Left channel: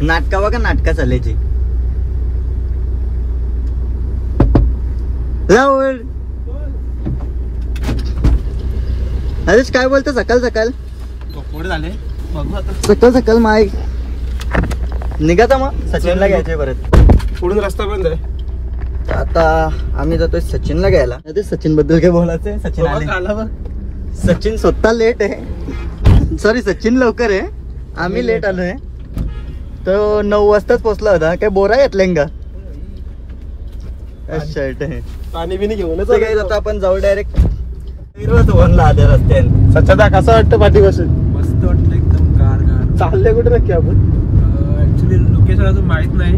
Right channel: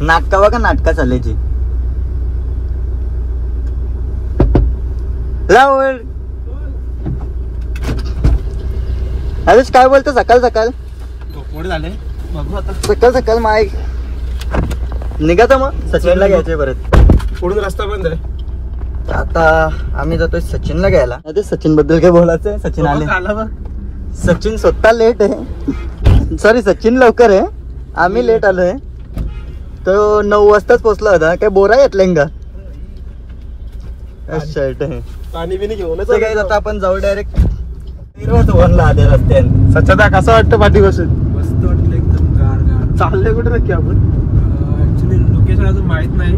नाटका बघा नाटका चालायची. अरेच काय बोलतो सकाळ सकाळ झाले सकाळ सकाळ माय निघायचं मग सचिनला घ्यायचंय परत. पुढून रस्ता बंद आहे. आता आम्ही जातोय सचिनला घ्यायला. अरे सचिन बद्दल काय बोलायचंय. सचिन आले. सचिन स्वतः लेट आहे. सॉरी सचिन लवकर आहे. आम्ही लेट आलोय. तो 9 वाजताच पोहोचला होता. काय बोरा घेतलं का. शर्ट आहे. पाणी बिनी घेऊन काय आता आपण जाऊ डायरेक्ट वनला आधी रस्त्याने. सच्चा कसं वाटतं पाठी बसून. मस्त वाटलं एकदम गार गार. चालले कुठे नक्की आपण. ऍक्च्युली लोकेशन अजून माहित नाही.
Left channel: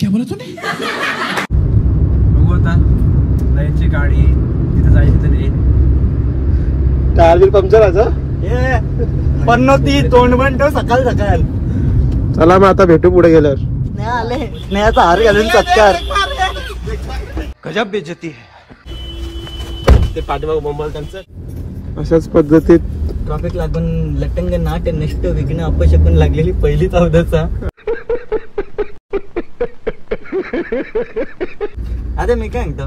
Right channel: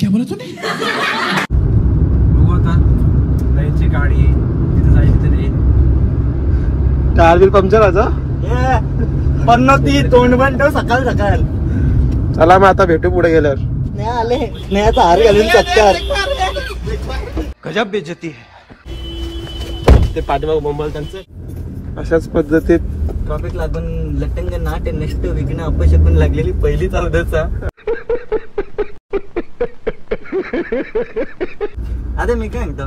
काय बोलत होते. बघू आता जायची गाडी तिथे जायची तरी गाडी पंक्चर असं पण ती तोंड बंद ठेव सकाळ सकाळ. चला मग आता भेटू पुढे गेल्यावर. नाही आले स्नेहाचा हार घालून सत्कार. गजब बेइज्जती है. ते पाठीमाग बोंबल त्यांचं अशाच पद्धतीत ट्रॉफिक लागून लटंग नाट नष्ट विघ्न अपशकून लागलेली पहिली चौदाचा. अरे मी काय म्हणतो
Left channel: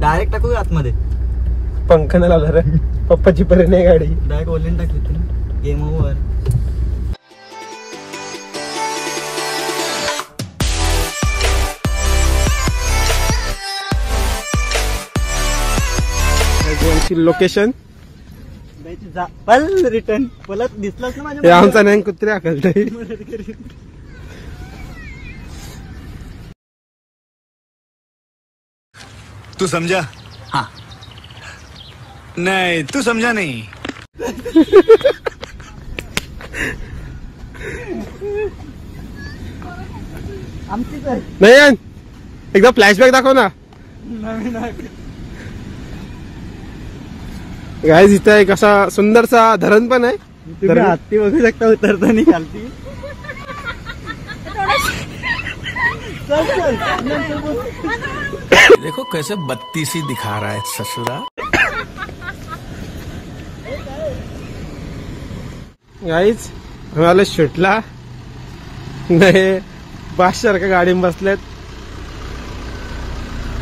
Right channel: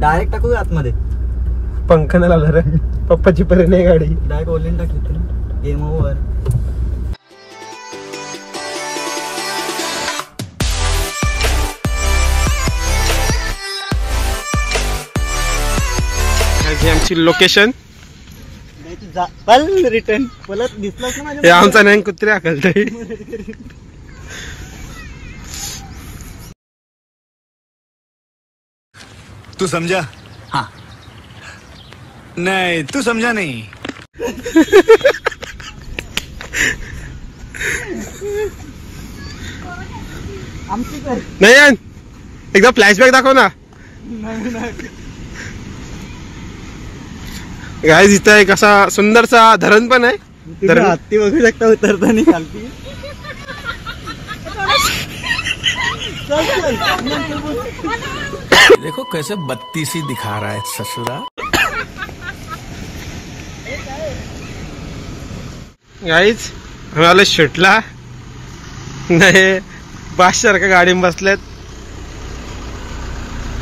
डायरेक्ट टाकू आतमध्ये. पंख नाही लावला रे पप्पाची पर्यंत गाडी डायरेक्ट ओलिन टाकली तर गेम ओव्हर. आमची लोकेशन रिटर्न मला दिसलाच ना हे आमचा नाही कुत्रे आकलतय. तू समझा. हाँ नहीं तू समझा नहीं. नाही एकदा फ्लॅशबॅक दाखव ना. गाईज इथं एक असा सुंदरसा धरण पण आहे. हत्ती बघू शकता उतरताना खालती. देखो कैसे बत्तीसी दिखा रहा है ससुरा. गाईज आम्हाला शूटला नाही बादशाह गाडी बसल्यात.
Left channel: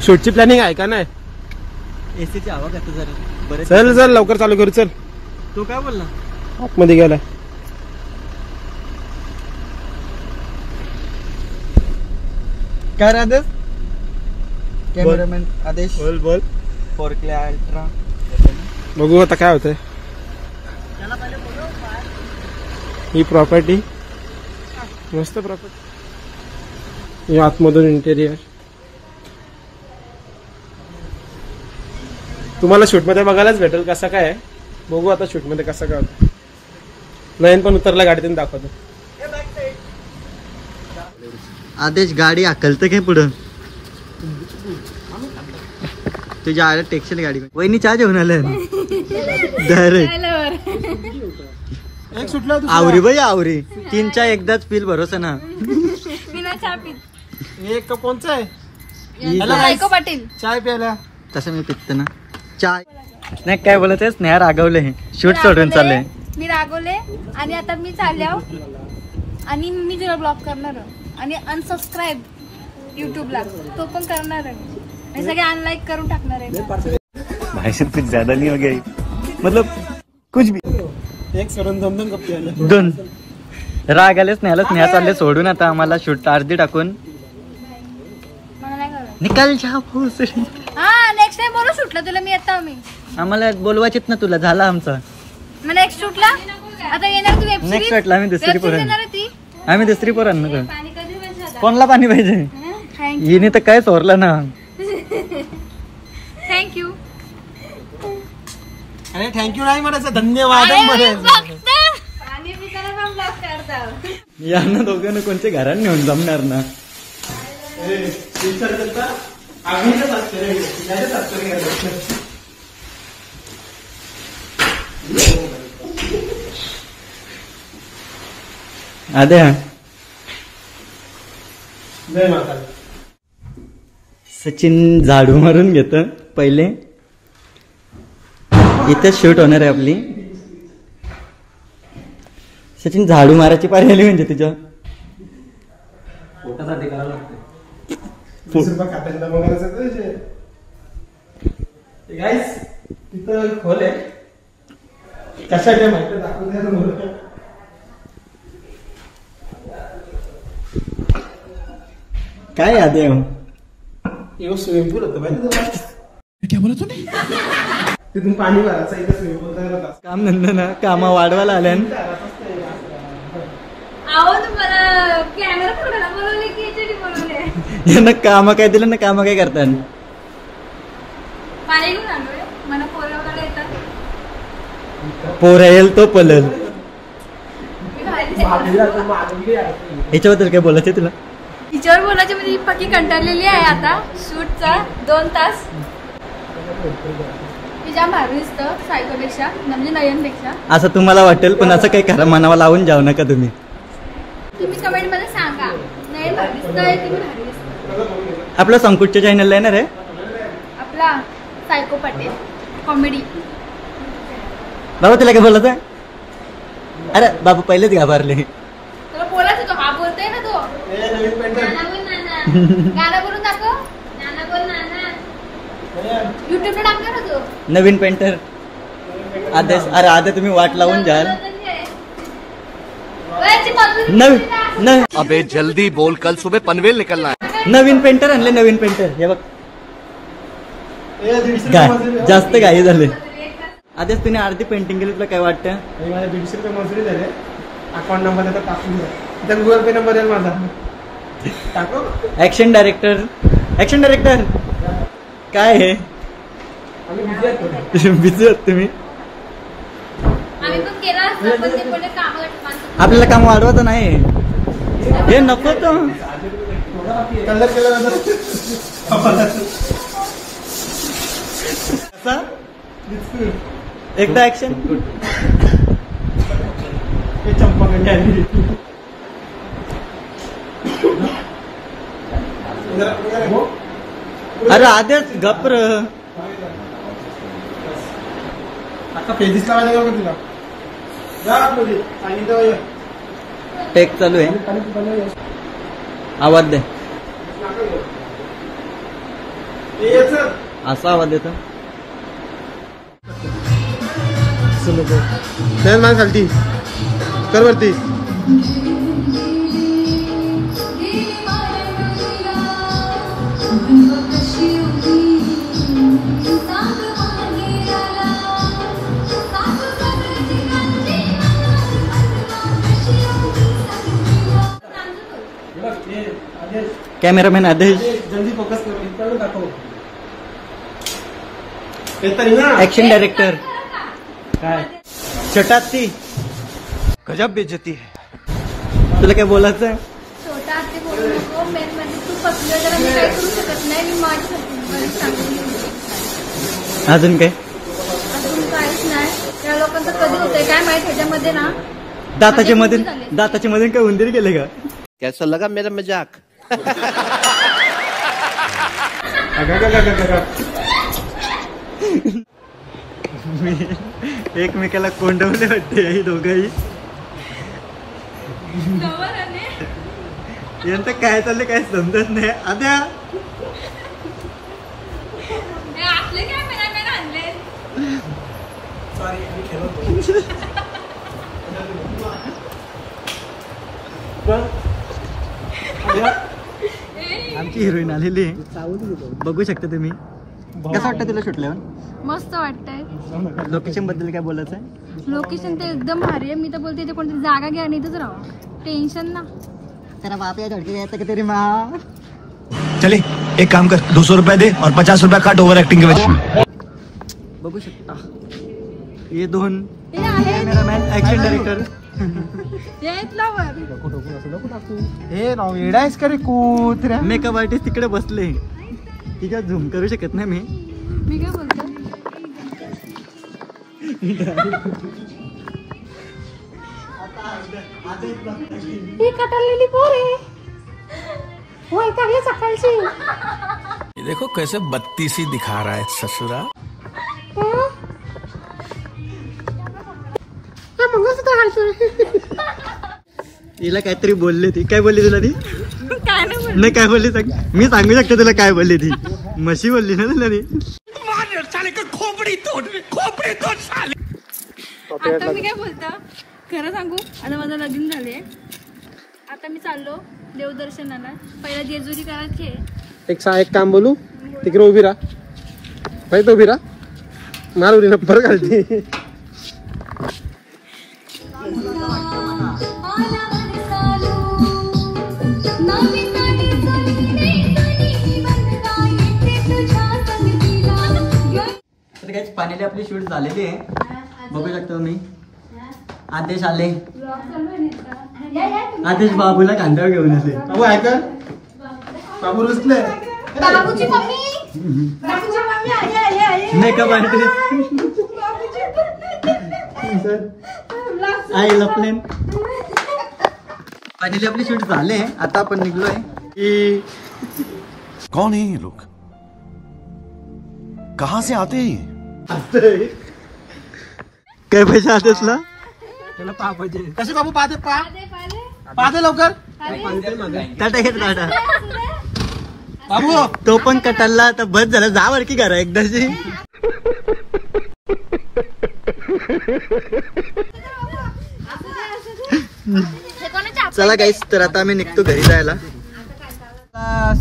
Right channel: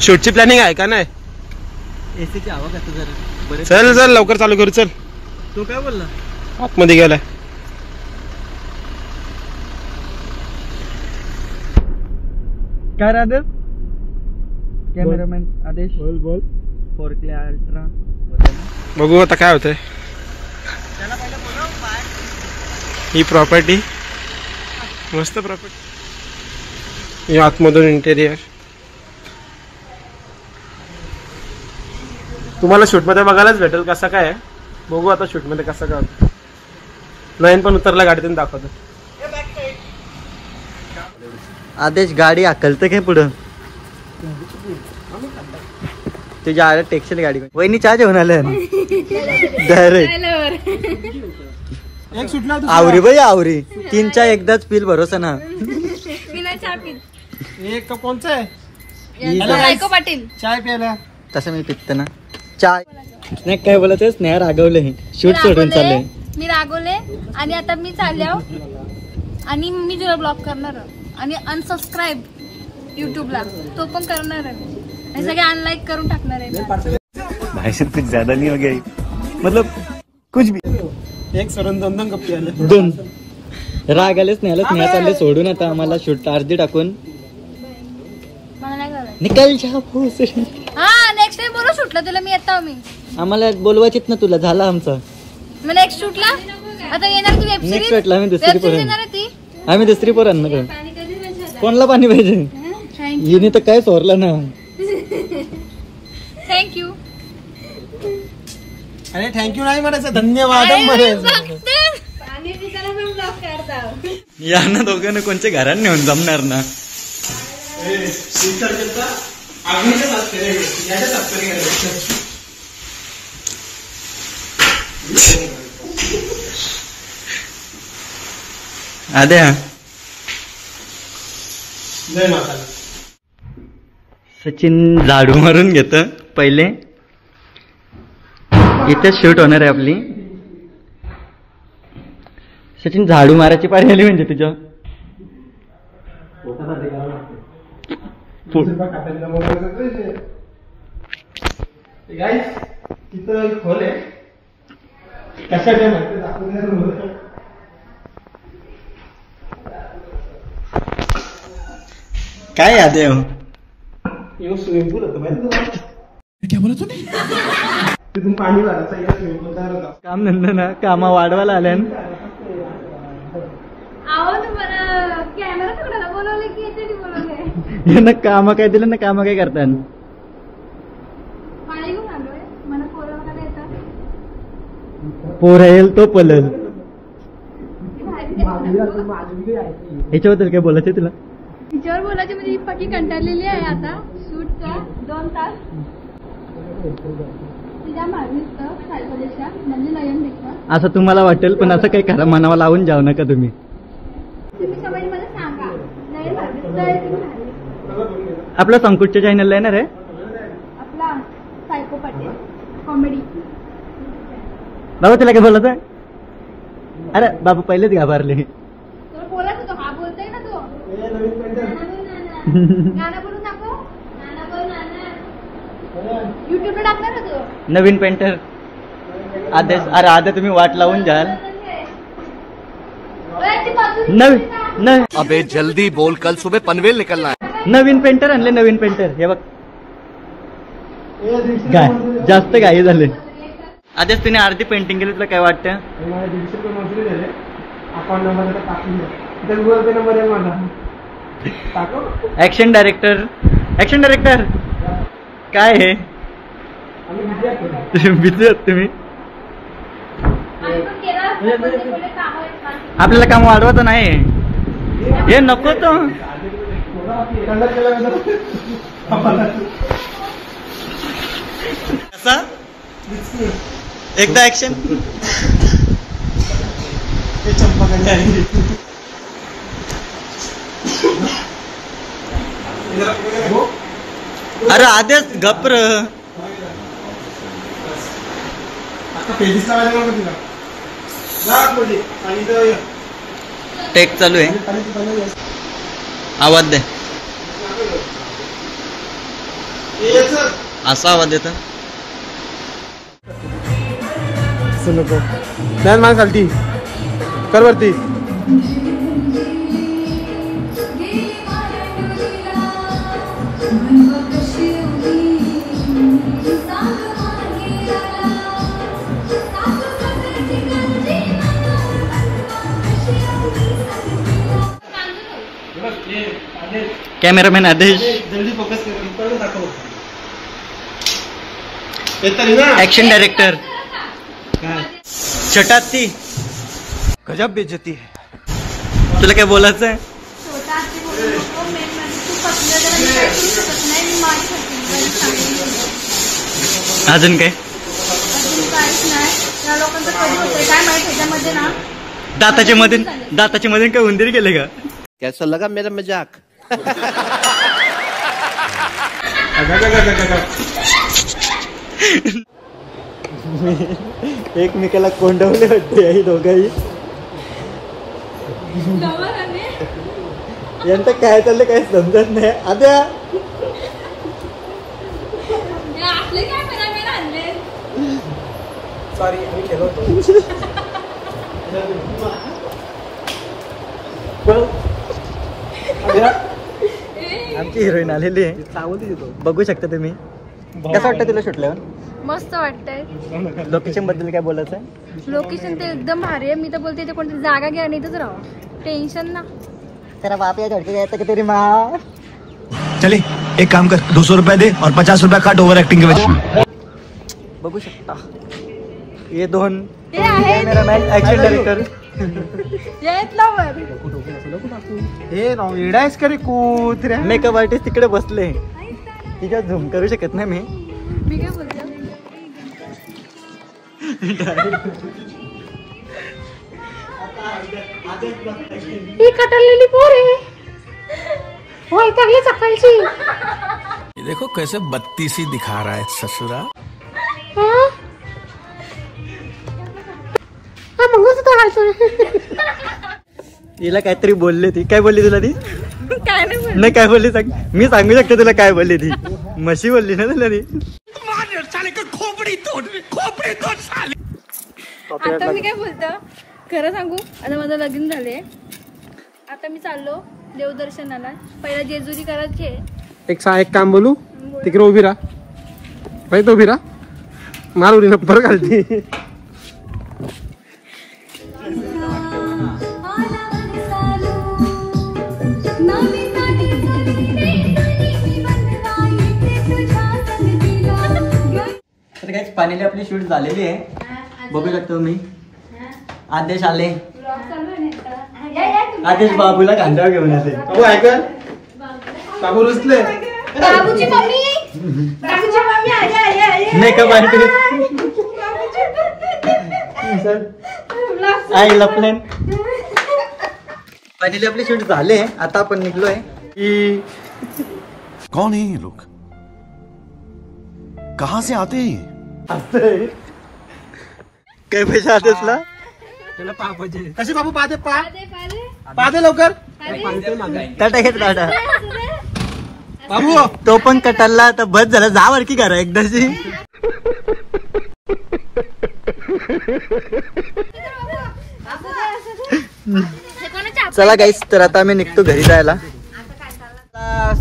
शूटची प्लॅनिंग आहे का नाही. एसीची हवा करतो जरा. चल चल लवकर चालू करू. चल तू काय बोलला आतमध्ये गेलाय. काय आदेश कॅमेरामॅन आदेश बोल बोल. फोरक्ले अल्ट्रा बघू आता काय होतंय. ही प्रॉपर्टी मस्त प्रॉपर्टी. आतमधून इंटेरियर तुम्हाला शूट मध्ये बघायलाच भेटेल कसं काय आहे. बघू आता शूट मध्ये कसं काय होतं. नयन पण उतरला गाडीतून दाखवतो. आदेश गाडी हाकलतं काय पुढं. तुझ्या आल्या टेक्स्टाईल गाडी वहिनी चहा जेवण आलं डायरेक्ट. एक सुटला आवरी बाई आवरी 3 चा एकदाच पिल भरोसा ना. एक कोणचा आहे चाय प्यायला. तसं मी पित्त ना चाय. नाही काय बोलत आहे स्नेहा रागवले. शूट सोडून चालले. मी रागवले आणि आता मी चालल्यावर आणि मी तुला ब्लॉक करणार आणि अनसबस्क्राईब युट्यूबला तो पण करणार आणि सगळे अनलाईक करून टाकणार आहे. भाई साहब कुछ ज्यादा नहीं हो गया मतलब कुछ भी. एक सरून 2 गप्पी आले. 2 राग आले स्नेहा चालले सोडून. आता आम्हाला शूट अर्धी टाकून मला नाही करायचं. निकाल जा भाऊ. हा नेक्स्ट टाइम बोलू शूटला तुला मी येतो. मी आम्हाला बोलवायचेत ना तुला. झाला आमचा मग नेक्स्ट शूटला आता येणार तू वेब नेक्स्ट शूटला आम्ही दुसरी पोरं. येणार ती आम्ही दुसरी पोरं आणणार. कोणला पाणी पाहिजे. हिने तर काय चोरलं ना. थँक्यू. अरे थँक्यू नाही म्हणायचं धन्यवाद या ना दोघांना कोणच्या घरात नेऊन जमणार ना. आद्या सचिन झाडू मारून घेत पहिले. इथं शूट होणार आहे आपली. सचिन झाडू मारायची पारी आली म्हणजे तुझ्या. पोटासाठी करावं लागते. 20 रुपये खात्याला बघायचं गाईस. तिथं एक खोल आहे. कशासाठी माहिती दाखवून द्या. काय याद आहे स्विमिंग पूल होतं माहिती तुम्हाला. क्या बोला तुम्ही. तिथून पाणी भरायचं इथं स्विमिंग पूल तयार होता. काम धंदा ना कामा वाढवायला आल्या आहो तुम्हाला कॅमेरा पकडायला बोलवले की याच्यासाठी बोलवले. यांना काम काय दिलं ना काम काय करतात. पाणी घेऊन आलोय. मला पोरं वगैरे येतात. पोर येईल तो पलल. मी बाहेर याच्याबद्दल काय बोलायचं तुला. तिच्यावर बोलायची म्हणजे पक्की कंटाळलेली आहे आता शूटचा 2 तास. तिच्या भारी दिसतं सायकोपेक्षा म्हणजे नयनपेक्षा. असं तुम्हाला वाटेल पण असं काही खरं मनावा लावून जाऊ नका तुम्ही. तुम्ही कमेंट मध्ये सांगा नयन भारी दिसतंय की मी भारी दिसतंय. आपल्या संकुटच्या चॅनलला येणार आहे आपला सायको पटेल कॉमेडी. बाबा तुला काय बोलायचं. अरे बाबा पहिलेच घाबरले. तुला बोलायचं तो हा बोलतोय ना तो. नवीन पेंटर. नाना बोल नाना. गाणं बोलून दाखव. नाना बोल नाना. युट्यूबला टाकणार ना तू. नवीन पेंटर आदेश. अरे आधी तुम्ही वाट लावून जाल. नवीन अबे जल्दी बोल, कल सुबह पनवेल निकलना है. नवीन पेंटर आणले. नवीन पेंटर हे बघ. जास्त घाई झाले. आधीच तिने अर्धी पेंटिंग केली. तुला काय वाटतं. मला 150 रुपये मजुरी झाले. अकाउंट नंबर आता टाकून द्या. इथं गुगल पे नंबर आहे माझा. टाको. Action director. ऍक्शन डायरेक्टर काय आहे. आम्ही बिझी आहोत. बिझी आहात तुम्ही. आम्ही पण केलं असतं पण ते बोलले कामावर. आपल्याला काम वाढवायचं नाही. हे नको तो. कलर केल्यानंतर कसा एकदा ऍक्शन. ते चंपा गंडी. अरे आधीच गप्र. आता पेजेस लावायला लागेल तुला. जा आतमध्ये. आणि इथं ये. टेक चालू आहे. खाली तिथं ये. आवाज दे. ये चल. असा आवाज येतो. नाही मान खालती कर वरती. कॅमेरामॅन आदेश. जल्दी फोकस कर. इकडे दाखव. हे तरी ना. ऍक्शन डायरेक्टर काय छटात ती. गजब बेइज्जती है. तुला काय बोलायचं आहे. छोटा आत्ते बोलू नको. मेन म्हणजे तू पतलं जरा मी काय करू शकत नाही. मी मारू शकते. मला सांगेन. अजून काय. अजून काहीच नाही. त्या लोकांचं कधी होतंय काय माहित. ह्याच्यामध्ये ना दाताच्या मध्ये काय उंदीर गेले का. कैसा लगा मेरा मजाक. एकमेकाला कोंडवले वाटते आई दोघंही. यांचं काय चाललंय काय समजत नाही. आद्या आपले कॅमेरामॅन आणले. सॉरी मी खेळतो. आमची हिरोईन आलेली आहे. बघू शकता तुम्ही. कसं वाटतं तुला सुटल्यावर. मस्त वाटतंय. लोकेशन बद्दल काय बोलायचं आहे. लोकेशन ते एकदम भारी आहे. मी तर बोलते इथे कोणती जागा घ्या आणि इथंच राहा. टेन्शन ना. तेरा बाप या धडके जायचं की तेरी माँ. चले एक काम कर 200 रुपए दे और 50 रुपए काट ओवर एक्टिंग के वजह से. बघू शकता हे दोन कॅमेरामॅन ऍक्शन डायरेक्टर. येत ना वर. हे राव इडायस करी कुत्र्या. मेकअप आर्टिस्ट तिकडे बसले. तिच्यात झूम करू शकत नाही मी. मी काय बोलते. ही कटाळलेली पोर आहे. होय चांगली सकाळची. ये देखो कैसे बत्तीसी दिखा रहा है ससुरा. हा मंगळसूत्र तिला काहीतरी बोलले. ती काय बोलली तुला ती. काय नाही बोलली. नाही काय बोलली सांग, मी सांगू शकतो तुला काय बोलली ती. म्हशी बोलली ना तुला ती. आता मी काय बोलतो खरं सांगू, आता माझं लग्न झाले, आता मी चाललो देवदर्शनाला. पहिला जेजुरी करायची आहे. एक काम बोलू, तिकडे उभी राहा, पाहिजे उभी राहा, मार उडी परत घालती. तर काही फायनली आपली शूट झालेली आहे, बघू शकतो मी. आदेश आले, आदेश बाबूला खांद्यावर घेऊन आले. बाबू ऐका, बाबू रुसले. बाबूची मम्मी, बाबूची मम्मी आली. मेकअप आर्टिस्ट आई लपलन. फायनली आपली शूट झाले, आता आपण निघलोय की. कौन है ये लोग, कहाँ से आते हैं? काय पैसे आदेशला त्याला पापाचे कसे बाबू पाहते पाहते लवकर. टाटा घेत टाटा. बाबू तो पण कटाला तर बस झालं, जा वर की करा एकदाची. चला गाईस, तर आता आम्ही निघतो घरी जायला.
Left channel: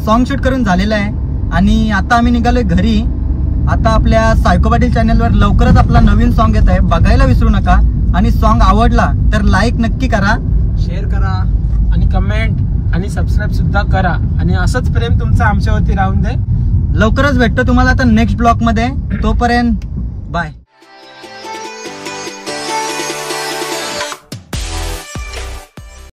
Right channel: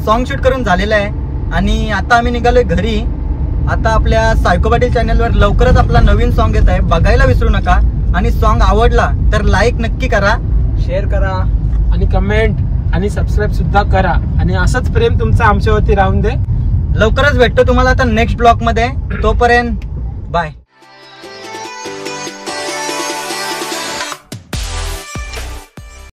सॉन्ग शूट करून झालेलं आहे आणि आता आम्ही निघालोय घरी. आता आपल्या सायको पाटील चॅनलवर लवकरच आपला नवीन सॉन्ग येत आहे, बघायला विसरू नका. आणि सॉन्ग आवडला तर लाईक नक्की करा, शेअर करा आणि कमेंट आणि सबस्क्राईब सुद्धा करा. आणि असंच प्रेम तुमचं आमच्यावरती राहून दे. लवकरच भेटतो तुम्हाला आता नेक्स्ट ब्लॉग मध्ये. तोपर्यंत बाय.